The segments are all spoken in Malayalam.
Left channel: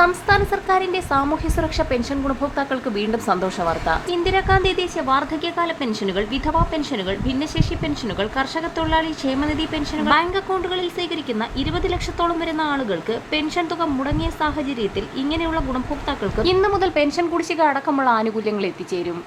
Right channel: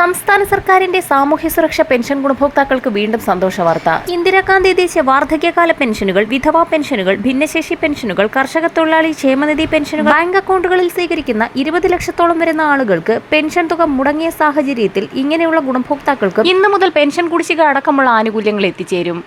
സംസ്ഥാന സർക്കാരിന്റെ സാമൂഹ്യ സുരക്ഷാ പെൻഷൻ ഗുണഭോക്താക്കൾക്ക് വീണ്ടും സന്തോഷ വാർത്ത. ഇന്ദിരാഗാന്ധി ദേശീയ വാർദ്ധക്യകാല പെൻഷനുകൾ, വിധവാ പെൻഷനുകൾ, ഭിന്നശേഷി പെൻഷനുകൾ, കർഷക തൊഴിലാളി ക്ഷേമനിധി പെൻഷനുകൾ ബാങ്ക് അക്കൗണ്ടുകളിൽ സ്വീകരിക്കുന്ന 20 ലക്ഷത്തോളം വരുന്ന ആളുകൾക്ക് പെൻഷൻ തുക മുടങ്ങിയ സാഹചര്യത്തിൽ ഇങ്ങനെയുള്ള ഗുണഭോക്താക്കൾക്ക് ഇന്നു മുതൽ പെൻഷൻ കുടിശ്ശിക അടക്കമുള്ള ആനുകൂല്യങ്ങൾ എത്തിച്ചേരും.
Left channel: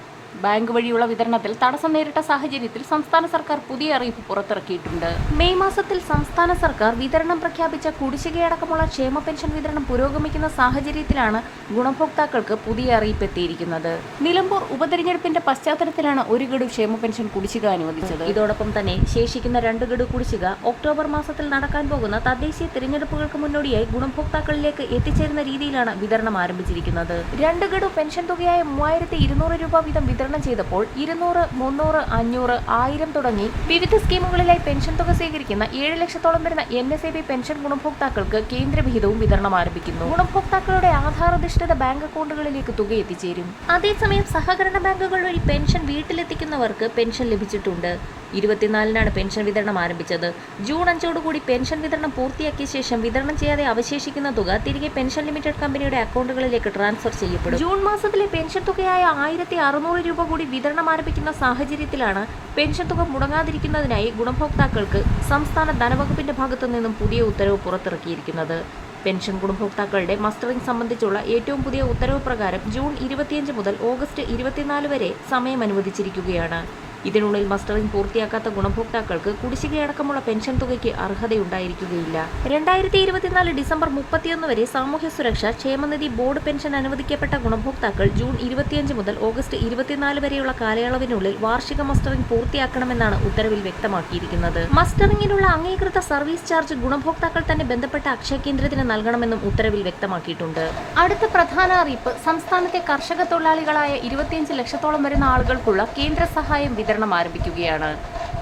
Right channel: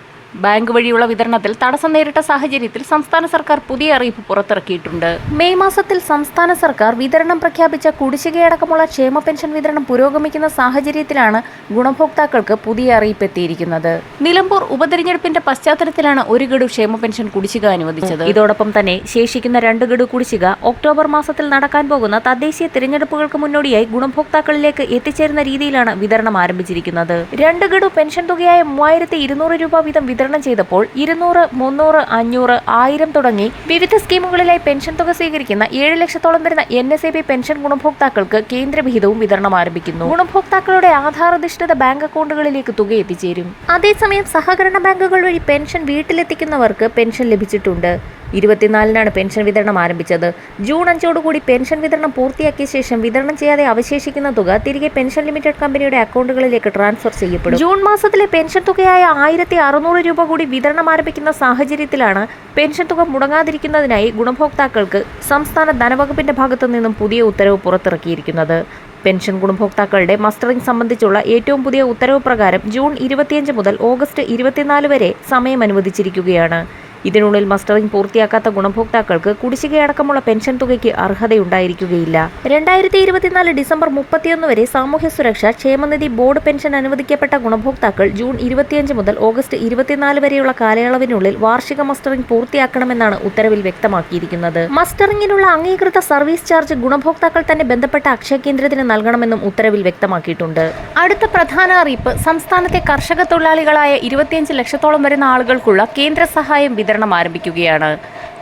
ബാങ്ക് വഴിയുള്ള വിതരണത്തിൽ തടസ്സം നേരിട്ട സാഹചര്യത്തിൽ സംസ്ഥാന സർക്കാർ പുതിയ അറിയിപ്പ് പുറത്തിറക്കിയിട്ടുണ്ട്. മെയ് മാസത്തിൽ സംസ്ഥാന സർക്കാർ വിതരണം പ്രഖ്യാപിച്ച കുടിശ്ശികയടക്കമുള്ള ക്ഷേമ പെൻഷൻ വിതരണം പുരോഗമിക്കുന്ന സാഹചര്യത്തിലാണ് ഗുണഭോക്താക്കൾക്ക് പുതിയ അറിയിപ്പ് എത്തിയിരിക്കുന്നത്. നിലമ്പൂർ ഉപതെരഞ്ഞെടുപ്പിന്റെ പശ്ചാത്തലത്തിലാണ് ഒരു ഗഡു ക്ഷേമ പെൻഷൻ കുടിശ്ശിക അനുവദിച്ചത്. ഇതോടൊപ്പം തന്നെ ശേഷിക്കുന്ന 2 ഗഡു കുടിശ്ശിക ഒക്ടോബർ മാസത്തിൽ നടക്കാൻ പോകുന്ന തദ്ദേശീയ തിരഞ്ഞെടുപ്പുകൾക്ക് മുന്നോടിയായി ഗുണഭോക്താക്കളിലേക്ക് എത്തിച്ചേരുന്ന രീതിയിലാണ് വിതരണം ആരംഭിച്ചിരിക്കുന്നത്. 2 ഗഡു പെൻഷൻ തുകയായ 3200 രൂപ വീതം വിതരണം ചെയ്തപ്പോൾ 200, 300, 500, 1000 തുടങ്ങി വിവിധ സ്കീമുകളിലായി പെൻഷൻ തുക സ്വീകരിക്കുന്ന 7 ലക്ഷത്തോളം വരുന്ന NSAB പെൻഷൻ ഗുണഭോക്താക്കൾക്ക് കേന്ദ്രവിഹിതവും വിതരണം ആരംഭിക്കുന്നു. ഗുണഭോക്താക്കളുടെ ആധാരധിഷ്ഠിത ബാങ്ക് അക്കൗണ്ടുകളിലേക്ക് തുക എത്തിച്ചേരും. അതേസമയം സഹകരണ ബാങ്കുകൾ വഴി പെൻഷൻ വീട്ടിലെത്തിക്കുന്നവർക്ക് പെൻഷൻ ലഭിച്ചിട്ടുണ്ട്. 24-നാണ് പെൻഷൻ വിതരണം ആരംഭിച്ചത്. ജൂൺ 5-ഓടുകൂടി പെൻഷൻ വിതരണം പൂർത്തിയാക്കിയ ശേഷം വിതരണം ചെയ്യാതെ അവശേഷിക്കുന്ന തുക തിരികെ പെൻഷൻ ലിമിറ്റഡ് കമ്പനിയുടെ അക്കൗണ്ടുകളിലേക്ക് ട്രാൻസ്ഫർ ചെയ്യപ്പെടും. ജൂൺ മാസത്തിലെ പെൻഷൻ തുകയായ 1600 രൂപ കൂടി വിതരണം ആരംഭിക്കുന്ന സാഹചര്യത്തിലാണ് പെൻഷൻ തുക മുടങ്ങാതിരിക്കുന്നതിനായി ഗുണഭോക്താക്കൾക്ക് സംസ്ഥാന ധനവകുപ്പിന്റെ ഭാഗത്തു നിന്നും പുതിയ ഉത്തരവ് പുറത്തിറക്കിയിരിക്കുന്നത്. പെൻഷൻ ഗുണഭോക്താക്കളുടെ മസ്റ്ററിംഗ് സംബന്ധിച്ചുള്ള ഏറ്റവും പുതിയ ഉത്തരവ് പ്രകാരം ജൂൺ 25 മുതൽ ഓഗസ്റ്റ് 24 വരെ സമയം അനുവദിച്ചിരിക്കുകയാണ്. ഇതിനുള്ളിൽ മസ്റ്ററിംഗ് പൂർത്തിയാക്കാത്ത ഗുണഭോക്താക്കൾക്ക് കുടിശ്ശികയടക്കമുള്ള പെൻഷൻ തുകയ്ക്ക് അർഹതയുണ്ടായിരിക്കുകയില്ല. 2024 ഡിസംബർ 31 വരെ സാമൂഹ്യ സുരക്ഷാ ക്ഷേമനിധി ബോർഡ് പെൻഷൻ അനുവദിക്കപ്പെട്ട ഗുണഭോക്താക്കൾ ജൂൺ 25 മുതൽ ഓഗസ്റ്റ് 24 വരെയുള്ള കാലയളവിനുള്ളിൽ വാർഷിക മസ്റ്ററിംഗ് പൂർത്തിയാക്കണമെന്നാണ് ഉത്തരവിൽ വ്യക്തമാക്കിയിരിക്കുന്നത്. മസ്റ്ററിംഗിനുള്ള അംഗീകൃത സർവീസ് ചാർജ് ഗുണഭോക്താക്കൾ തന്നെ ബന്ധപ്പെട്ട അക്ഷയ കേന്ദ്രത്തിന് നൽകണമെന്നും ഉത്തരവിൽ വ്യക്തമാക്കിയിട്ടുണ്ട്. അടുത്ത പ്രധാന അറിയിപ്പ് സംസ്ഥാനത്തെ കർഷക തൊഴിലാളികളായ 25 ലക്ഷത്തോളം വരുന്ന ആളുകൾക്കുള്ള കേന്ദ്ര സഹായം വിതരണം ആരംഭിക്കുകയാണ്.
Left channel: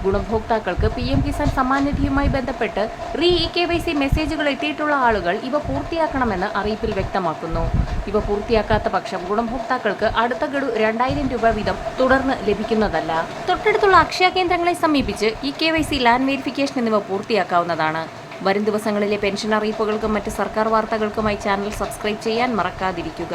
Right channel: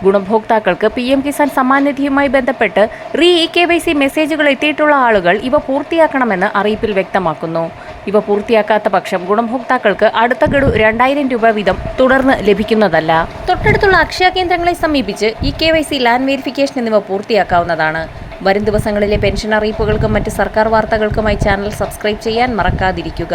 ഗുണഭോക്താക്കൾക്ക് PM കിസാൻ സമ്മാൻ നിധിയുമായി ബന്ധപ്പെട്ട് KYC മെസ്സേജുകൾ എത്തിയിട്ടുള്ള ആളുകൾ ഇവ പൂർത്തിയാക്കണമെന്ന് അറിയിപ്പിൽ വ്യക്തമാക്കുന്നു. ഇവ പൂർത്തിയാക്കാത്ത പക്ഷം ഗുണഭോക്താക്കൾക്ക് അടുത്ത ഗഡു 2000 രൂപ വീതം തുടർന്ന് ലഭിക്കുന്നതല്ല. തൊട്ടടുത്തുള്ള അക്ഷയ കേന്ദ്രങ്ങളെ സമീപിച്ച് KYC ലാൻഡ് വെരിഫിക്കേഷൻ എന്നിവ പൂർത്തിയാക്കാവുന്നതാണ്. വരും ദിവസങ്ങളിലെ പെൻഷൻ അറിയിപ്പുകൾക്കും മറ്റ് സർക്കാർ വാർത്തകൾക്കുമായി ചാനൽ സബ്സ്ക്രൈബ് ചെയ്യാൻ മറക്കാതിരിക്കുക.